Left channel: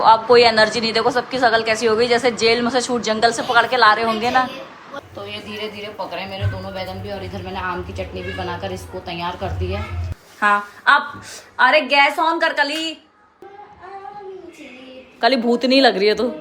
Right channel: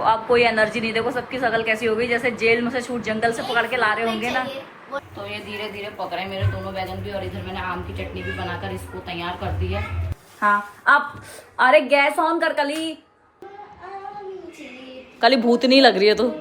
तो अब कोई एनर्जी नहीं, देखो सबकी शक्ल कैसी हो गई, जैसे जेल में से छूट जंगल से पकड़ के ला रहे होंगे ना। तो ये धीरे धीरे पक रहे हैं मेरे दोनों बैगन भी, और इधर मैंने आम की चटनी भी बनाकर इसको तैयार कर दी है। हाँ अब, अरे गैस ऑन कर कली, कली भूतनी लग रही है तो।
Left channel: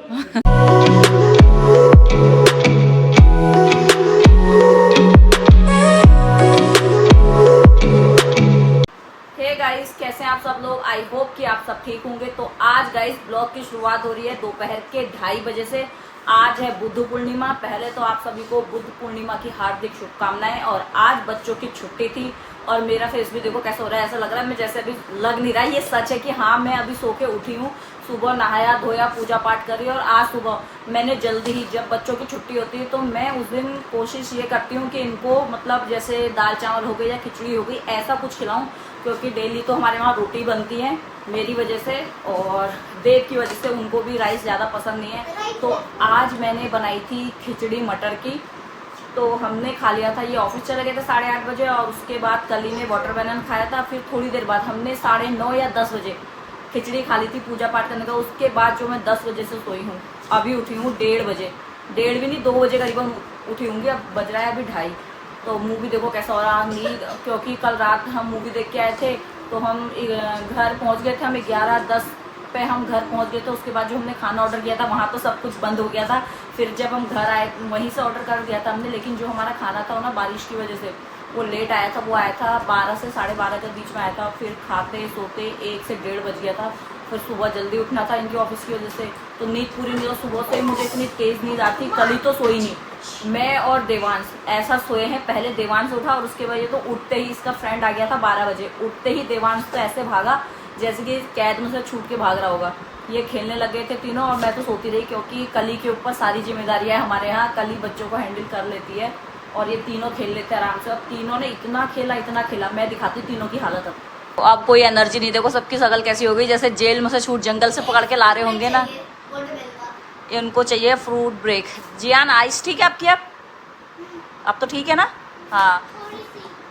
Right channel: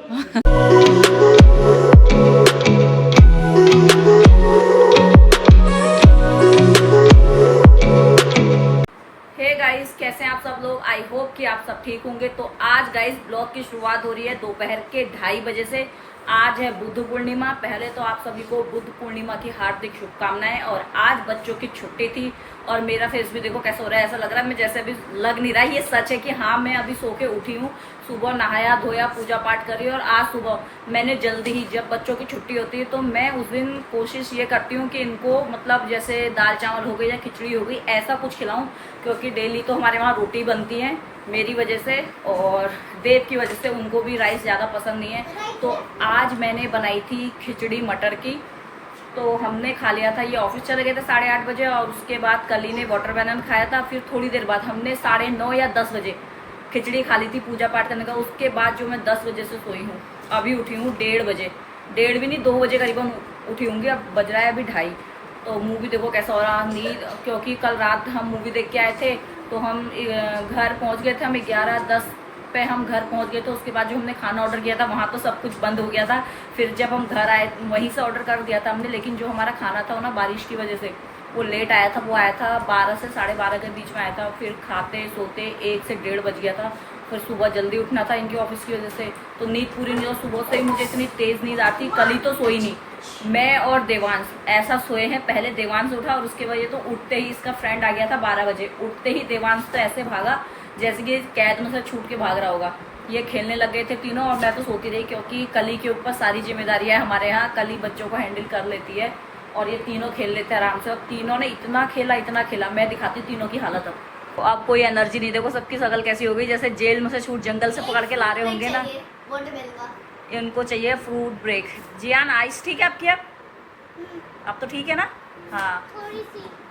गाइस कैसे हैं आप सब लोग, आई होप कि आप सब ठीक होंगे। तो आज गाइस ब्लॉग की शुरुआत हो रही है दोपहर के 2:30 बजे से। आज है बुद्ध पूर्णिमा। पहले तो आप सभी को बुद्ध पूर्णिमा की हार्दिक शुभकामनाएं। और आज बच्चों की छुट्टी थी और मेरा फेस भी देखो कैसा हो रहा है, ऐसा लग रहा है मैं जैसे अभी लग नहीं रहा है। ये सच है कि हाँ मैं अभी सो के उठी हूँ, सुबह नहाया धोया पूजा पाठ करी। और आज सुबह मैंने जल्दी ही, जब बच्चों की छुट्टी होती है तो मैं उस दिन कोशिश ये करती हूँ कि इनको मतलब जैसे दाल चावल हो गई या खिचड़ी हो गई ऐसा कुछ खिलाऊं, क्योंकि डेली तो हमारे वहाँ रोटी बनती है मेरी वजह से, और देव की वजह से उनको भी राइस ज़्यादा पसंद नहीं है। तो आज मैंने बनाई थी खिचड़ी मटर की, तो हमने खा लिया था। ये ऑफिस चले गए थे 8:30 बजे, और उसके बाद कली ने वाटरमेलन खाया था। फिर थोड़ी देर बाद हमने 9:30 या 10 बजे खिचड़ी खा ली थी पूजा पाठ करने का। उसके बाद जो मैं 10 बजे से सोई हूँ, अभी उठी हूँ 1:30 बजे, 1:30 भी नहीं 2 बजे करीबन उठी होंगी। अब बज रहा है अभी 2:30। तो मूवी देखो कैसा हो रहा नींद, क्योंकि कल रात हम मूवी देख के आए थे। तो हम घर पहुँच गए थे, हम 11:10 पे हम घर पहुंच गए थे। उसके बाद जो हमने खाना ऑर्डर किया था वहाँ तो सब कुछ बंद हो गया था। फिर जब हम घर आए वहीं से ऑर्डर कर दिया था हमने, लेकिन जो हमारा खाना था वो ना बारिश की वजह से वो लेट आया था। वो आया था 12 से 12:30 के बीच में आया था। फिर खाते सोते 1 से 1:30 बज गया था। फिर सुबह जल्दी उठना था इनकी ऑफिस की वजह से, तो नींद पूरी नहीं हो। सुबह से ही मुझे इतनी तेज़ नींद आती, कल ही तो सोई नहीं। मैं और देवांश ऐसा सोए हैं, पहले देवांश उठा और उसके वजह तो उठते ही इसका फ्रेंड आ गया था 12 बजे। उठते ही देवांश तो ऐसे भागा जैसे कि कैद में से छूट के भाग रहा होगा। ये खेलने लग गए थे तीनों, और मैं तो सोती रही, क्योंकि कली के ऊपर सारी जिम्मेदारियां है हमारे यहाँ। कली बच्चों को हैंडल कर लेती है और ये तीनों खेल लेते हैं आराम से। और तीनों ने इतना खेला, मैं दिखाती तीनों की हालत। अब अब कोई एनर्जी नहीं, देखो सबकी शक्ल कैसी हो गई, जैसे जेल में से छूट जंगल से पकड़ के ला रहे होंगे ना। इनको चाहिए फ्रूट ब्रेक। जियान आइस ठीक है आपकी? अब तो ठीक है ना? हाँ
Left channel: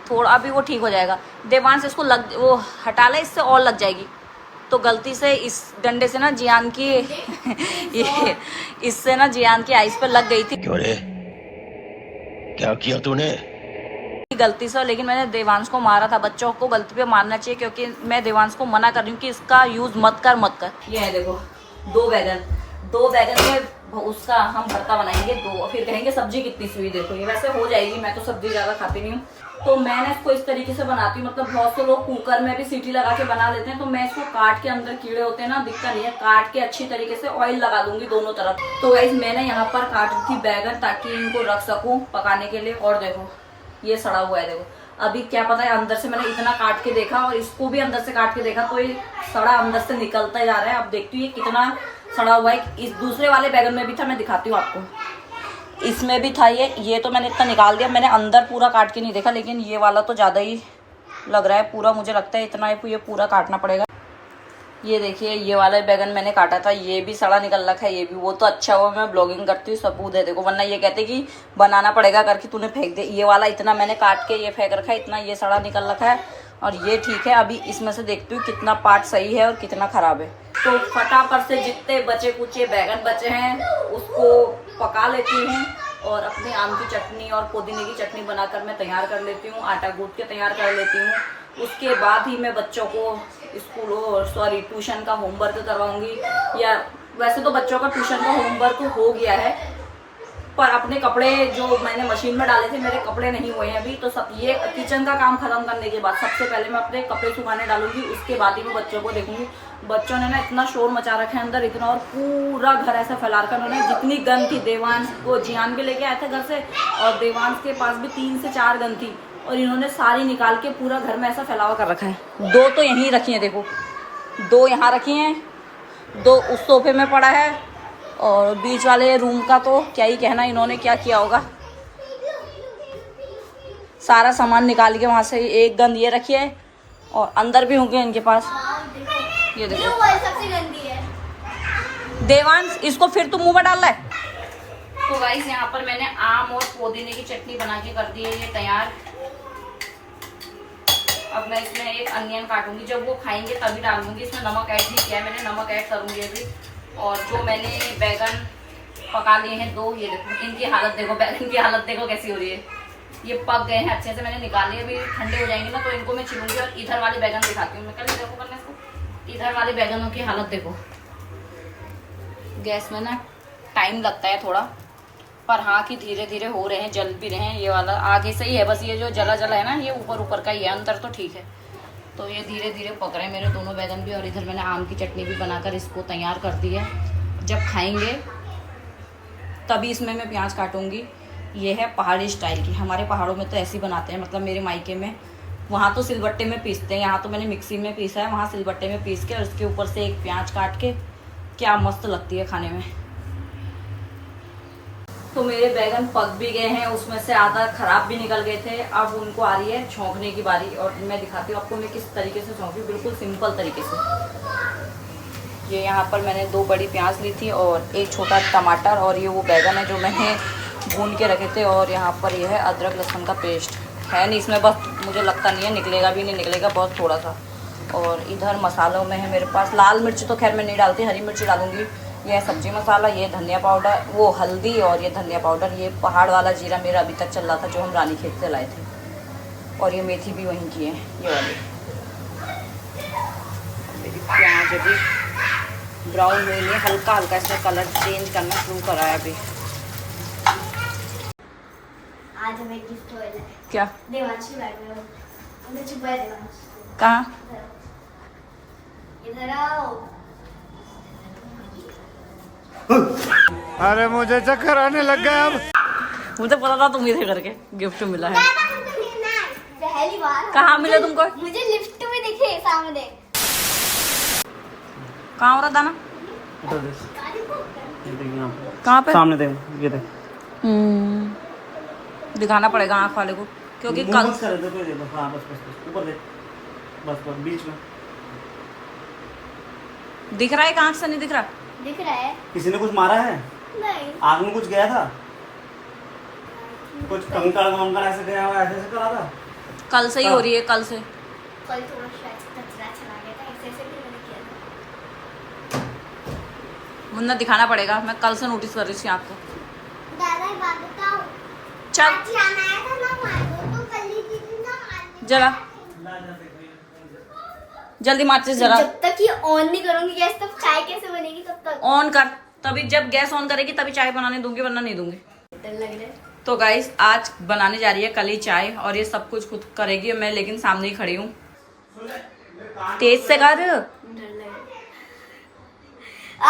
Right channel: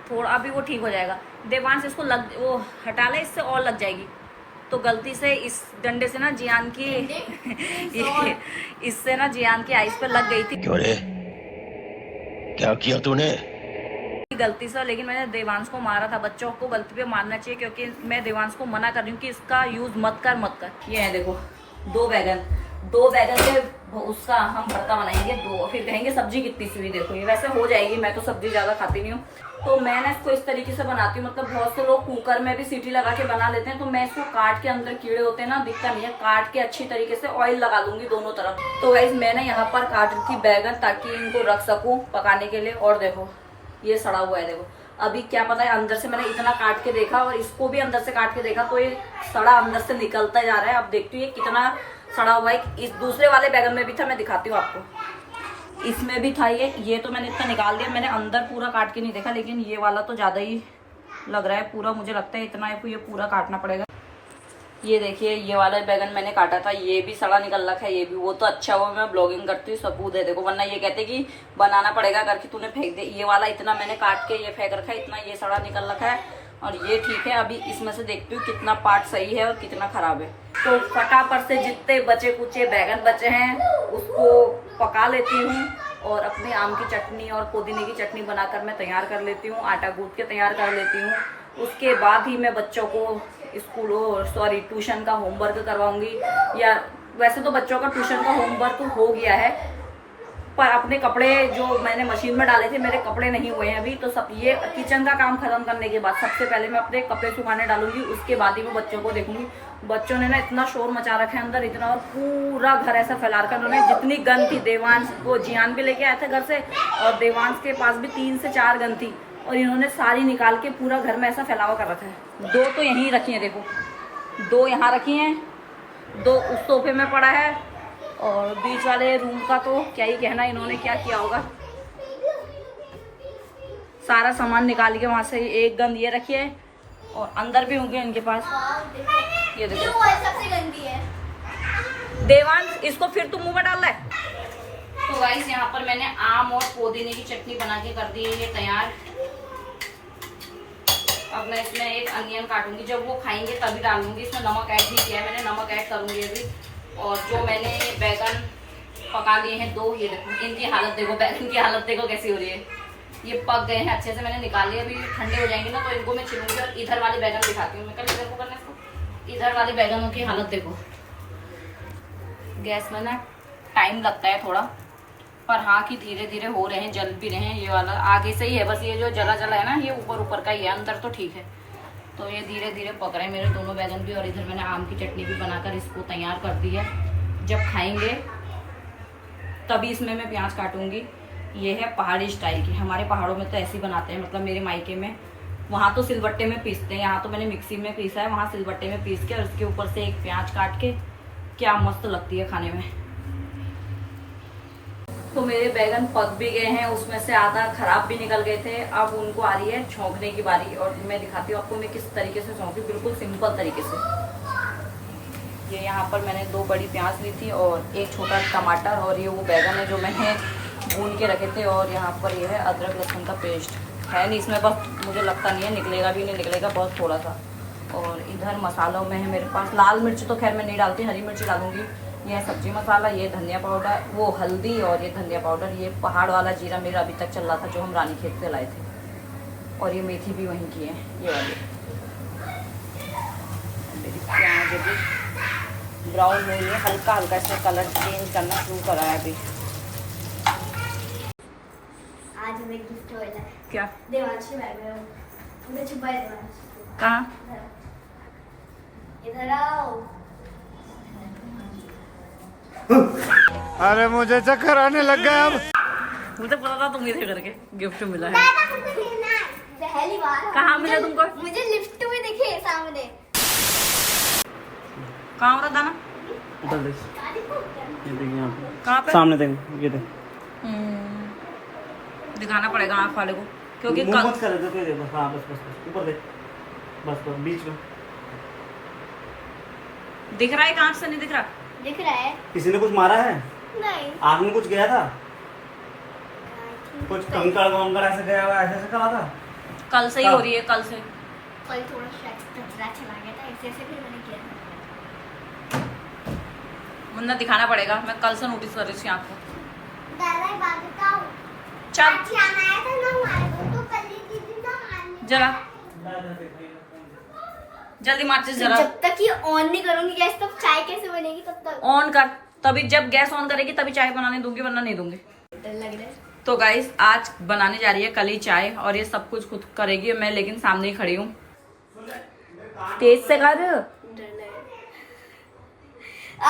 थोड़ा, अभी वो ठीक हो जाएगा। देवांश इसको वो हटा ले, इससे और लग जाएगी। तो गलती से इस डंडे से ना जियान की ये इससे ना जियान की आइस पे लग गई थी। क्यों रे, क्या किया तूने? गलती से, लेकिन मैंने देवांश को मारा था। बच्चों को गलती पे मारना चाहिए, क्योंकि मैं देवांश को मना कर रही हूँ कि इसका यूज मत कर। ये है देखो 2 बैगन के उसका हम भरता बनाएंगे 2। फिर कहेंगे सब्जी कितनी सी हुई, देखो ये वैसे हो जाएगी। मैं तो सब्जी ज्यादा खाती नहीं हूँ, तो मैं ना इसको इस तरीके से बनाती हूँ। मतलब बहुत से लोग कुकर में भी सीटी लगा के बना लेते हैं, तो मैं इसको काट के, अंदर कीड़े होते हैं ना, दिखता नहीं है, काट के अच्छी तरीके से ऑयल लगा दूंगी दोनों तरफ। तो गाइस मैंने यहाँ पर काट रखी बैगन ताकि इनको रख सकूं पकाने के लिए। और देखो ये सड़ा हुआ है, देखो अभी क्या पता है अंदर से, मैंने इतना काट के देखा और इसको भी अंदर से काट के देखा, तो ये सड़ा अंदर से निकलता जा रहा है। अब देखती हूँ ये कितना सड़ा हुआ है। इस दूसरे वाले बैगन में भी था, मैं दिखाती हूँ आपको, इसमें भी था ये तो मैंने इतना निकाल दिया। मैंने अंदर पूरा काट के नहीं देखा, लेकिन ये वाला तो ज़्यादा ही लग रहा है पूरा, मुझे लगता है इतना ये पूरा काटना पड़ेगा। ये देखिए ये वाला बैगन मैंने काटा था, ये भी सड़ा निकल रखा है। ये भी, वो तो अच्छा हुआ मैं ब्लॉगिंग करती हूँ, सबूत है देखो, वरना ये कहते कि बनाना पड़ेगा करके तूने फेंक दे। ये वाला इतना मैंने काट के ये फेंक रखा है, इतना ये सड़ा निकल रखा है, और ये ठीक है। अभी इसमें से देखती हूँ कितना पार्ट सही है और कितना खराब है। तो फटाफट से जितने बचे कुचे बैगन बचे हैं उसको पका लेती हूँ, और अपने आम की चटनी और पुदीने की चटनी बनाकर मैं तैयार कर लेती हूँ, आटा गूंथ के तैयार कर लेती हूँ। उसके बाद ही मैं बच्चों को ट्यूशन का होमवर्क करवाऊंगी। या वैसे तो बच्चों का ट्यूशन का होमवर्क हो गया है, पर अपने कपड़े जो मैंने मशीन में डाले थे, मेरे कपड़े नहीं हुए हैं अभी। तो सब ये किचन का काम खत्म करने के बाद सबसे पहले मैं अपने कपड़े सुखाने डालूंगी, उसके बाद ही मैं बच्चों को देखूंगी। बच्चों ने ना इतना शोर मचा रखा है अंदर, इतना, और पूरा घर ऐसा फैला रखा है उन्होंने। जितनी गन थी, देवांश को जियान भी लेके आए थे घर से, और देवांश के पास भी 3 से 4 गन थी, और इन्होंने सारी निकाल के पूरा घर में ऐसा फैलावा कर रखा है। 2 तो यहीं रखी हैं, देखो 2 यहाँ रखी हैं, 2 उस सोफे में पड़ा है, और बीच वाले रूम का तो क्या ही कहना, इन्होंने क्या किया होगा। सारा सामान निकाल के वहाँ से, एक गंद ये रखी है, और अंदर भी होंगे इनके पास। ये देखो सबसे गंदी है। देवांश इसको फिर तुम मुंह में डाल रहा है। तो गाइस यहाँ पर मैंने आम और पुदीने की चटनी बना के कर दी है ये तैयार। अब मैं इसमें एक अनियन काटूंगी, जब वो खाएंगे तभी डालूंगी। इसमें नमक ऐड नहीं किया है मैंने, नमक ऐड करूंगी अभी। और जो मैंने बैगन पका लिए हैं 2, ये देखो इनकी हालत देखो, बैगन की हालत देखो कैसी हो रही है। ये पक गए हैं अच्छे से, मैंने निकाल लिए, अभी ठंडे हो जाएंगे ना तो इनको मैं छिलूंगी। और इधर वाले बैगन दिखाती हूँ मैं, कल देखो करने इसको, इधर वाले बैगनों की हालत देखो। गैस में ना टाइम लगता है थोड़ा, पर हाँ कि धीरे धीरे हो रहे हैं, जल भी रहे हैं। ये वाला आगे से ही है, बस ये जो जला जला है ना ये ऊपर ऊपर का ही है, अंदर तो ठीक है। तो ये धीरे धीरे पक रहे हैं मेरे दोनों बैगन भी। और इधर मैंने आम की चटनी भी बनाकर इसको तैयार कर दी है, जब खाएंगे तभी इसमें मैं प्याज काटूंगी। ये है पहाड़ी स्टाइल की, हमारे पहाड़ों में तो ऐसे ही बनाते हैं, मतलब मेरे मायके में वहाँ तो सिलबट्टे में पीसते हैं, यहाँ तो मैंने मिक्सी में पीसा है, वहाँ सिलबट्टे में पीस के और उसके ऊपर से एक प्याज काट के, क्या मस्त लगती है खाने में। तो मेरे बैगन पक भी गए हैं, उसमें से आधा खराब भी निकल गए थे। अब उनको आ रही है छौंकने की बारी, और मैं दिखाती हूँ आपको मैं किस तरीके से छौंकी, बिल्कुल सिंपल तरीके से। ये यहाँ पर मैंने 2 बड़ी प्याज ली थी और 1 छोटा टमाटर, और ये वो बैगन है जो मैंने भून के रखे थे। और यहाँ पर ये है अदरक लहसुन का पेस्ट है नहीं इसमें, बस मुझे लगता नहीं है निकलेगा भी नहीं निकलेगा, बहुत थोड़ा सा। और इधर मसालों में है मेरे पास लाल मिर्च, तो खैर मैं नहीं डालती, हरी मिर्च डालूंगी। ये है सब्जी मसाला, ये धनिया पाउडर, वो हल्दी, और ये धनिया पाउडर। ये पहाड़ वाला जीरा मेरा अभी तक चल रहा था जो हम रानीखेत से लाए थे। और ये मेथी भी वहीं की है, ये वाली। मेरी प्याज अभी ब्राउन हुई है, हल्का हल्का इसमें कलर चेंज करना शुरू करा है अभी। आज हमें गिफ्ट होएगा है। क्या? देवांशी बैग में हो। हमें छुपा है देवांशी। कहाँ? इधर आओ। अरे मुझे चक्कर आने लग गया अब। मुझे पता था तुम इधर करके गिफ्ट मिला है। पहली बार। कहाँ मिला तुमको? मुझे लिफ्ट में दिखे सामने। कहाँ हो रहा दाना? उधर देख, ये देख यहाँ पे कहाँ पे? सामने देख, ये देख। दिखाना पड़ेगा आँख वाले को, क्योंकि मुंह कल मत करे तो दे बस। हाँ बस बस बस ऊपर देख, बस बस बीच में दिख रहा है कि आँख से नहीं दिख रहा? दिख रहा है? किसी ने कुछ मारा है? नहीं। आग में कुछ गया था, कुछ कंकड़ वंकड़ ऐसे गया हुआ, ऐसे ऐसे करा था। कल से ही हो रही है, कल से। कल थोड़ा शायद कचरा चला गया था, ऐसे भी मैंने किया था। मुन्ना दिखाना पड़ेगा, मैं कल से नोटिस कर रही थी आपको। दादा बात बताओ। चल आज आया था ना मारो तो कल ही दीदी ना मारने। जरा जल्दी माचिस जरा जब तक ये ऑन नहीं करूंगी गैस तब चाय कैसे बनेगी तब तक? ऑन कर, तभी जब गैस ऑन करेगी तभी चाय बनाने दूंगी, वरना नहीं दूंगी। डर लग रहा है। तो गाइस आज बनाने जा रही है कली चाय, और ये सब कुछ खुद करेगी मैं, लेकिन सामने ही खड़ी हूँ। तेज से कर। डर लग रहा है।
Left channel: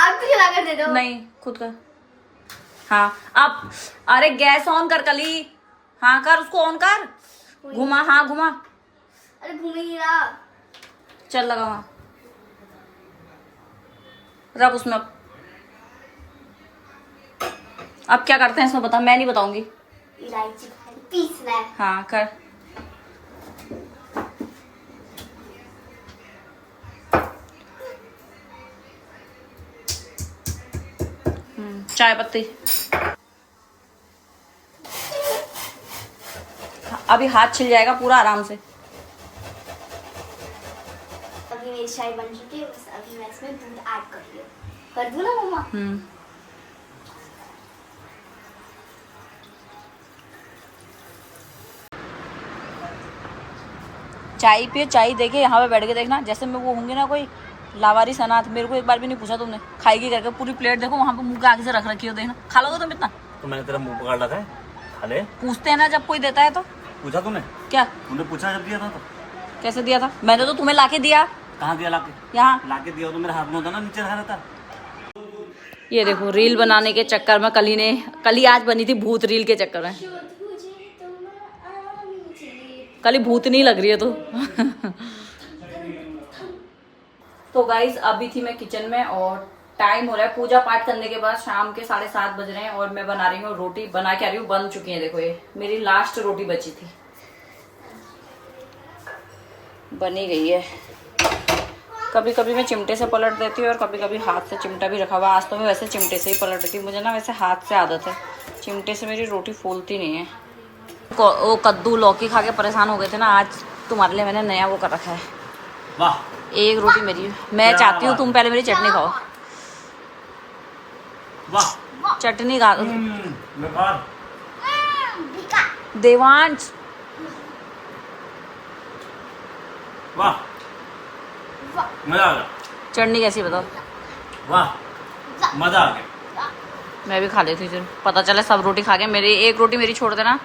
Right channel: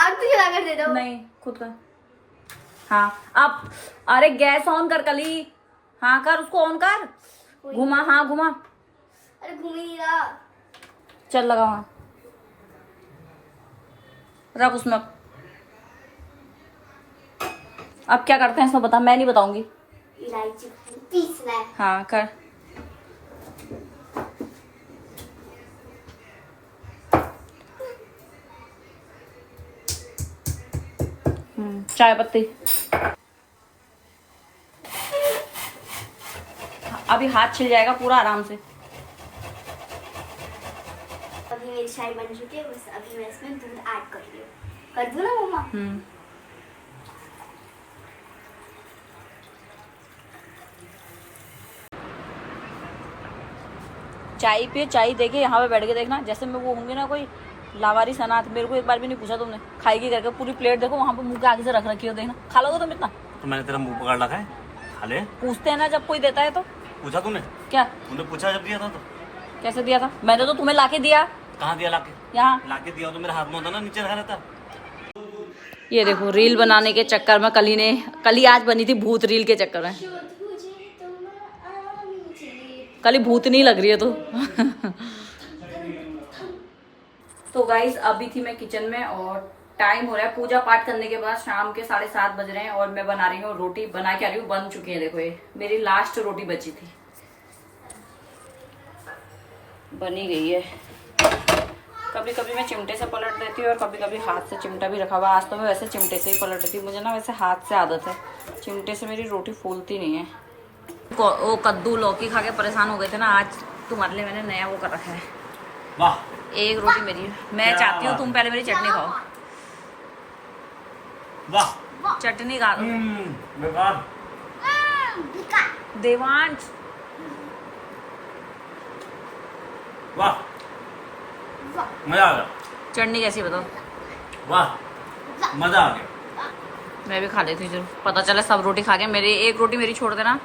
आग को जला कर दे दो। नहीं खुद कर। हाँ अब, अरे गैस ऑन कर कली। हाँ कर, उसको ऑन कर, घुमा, हाँ घुमा। अरे घूम ही नहीं रहा। चल लगा वहाँ, रख उसमें। अब क्या करते हैं इसमें बता, मैं नहीं बताऊंगी। इलायची पीसना है। हाँ कर। चाय पत्ती। अभी हाथ छिल जाएगा पूरा आराम से। अभी मेरी चाय बन चुकी है, बस अभी मैं इसमें दूध ऐड कर रही हूँ। कर दूँ ना मम्मा? चाय पिए, चाय देके यहाँ पे बैठ के देखना, जैसे मैं वो होंगी ना कोई लावारी सनात, मेरे को एक बार भी नहीं पूछा तुमने खाएगी करके, पूरी प्लेट देखो वहाँ पे मुंह के आगे से रख रखी हो, देखना खा लोगे तुम इतना? तो मैंने तेरा मुंह पकड़ रखा है, खा ले। पूछते हैं ना जब कोई देता है तो। पूछा तूने? क्या तूने पूछा जब दिया था तो? कैसे दिया था? मैंने तो तुम्हें लाके दिया। कहाँ दिया लाके? यहाँ लाके दिया तो मेरे हाथ में होता ना, नीचे रखा रहता। ये देखो रील बनाने के चक्कर में कली आज बनी थी भूत रील के चक्कर में। कली भूत नहीं लग रही है तो गाइज अभी थी मैं किचन में, और टाइम हो रहा है पूजा पाठ करने के बाद, शाम के 7:30 बज रहे हैं, और मैं बना रही हूँ रोटी। बना के आ रही हूँ, बन चुकी है, देखो ये मेरी लास्ट रोटी बची थी, बनी गई है। कभी कभी मैं चिमटे से पलट देती हूँ और कभी कभी हाथ से, चिमटा भी रखा हुआ। आज तो मैं वैसे चिमटे से ही पलट देती हूँ, मुझे ना वैसे हाथ से आदत है, चिमटे से मेरी रोटी फूलती नहीं है। वो कद्दू लौकी खा के परेशान हो गए थे ना, आज तुम्हारे लिए मैंने नया वो कर रखा है। वाह, एक रोटी मेरी, मैं चाहती हूँ तुम पहले मेरी चटनी खाओ। वाह चटनी खा बेकार दिखा देवांश वाह मजा आ गया चटनी कैसी बताओ। वाह मजा आ गया मैं भी खा लेती हूँ, पता चला सब रोटी खा गए, मेरी एक रोटी मेरी छोड़ देना।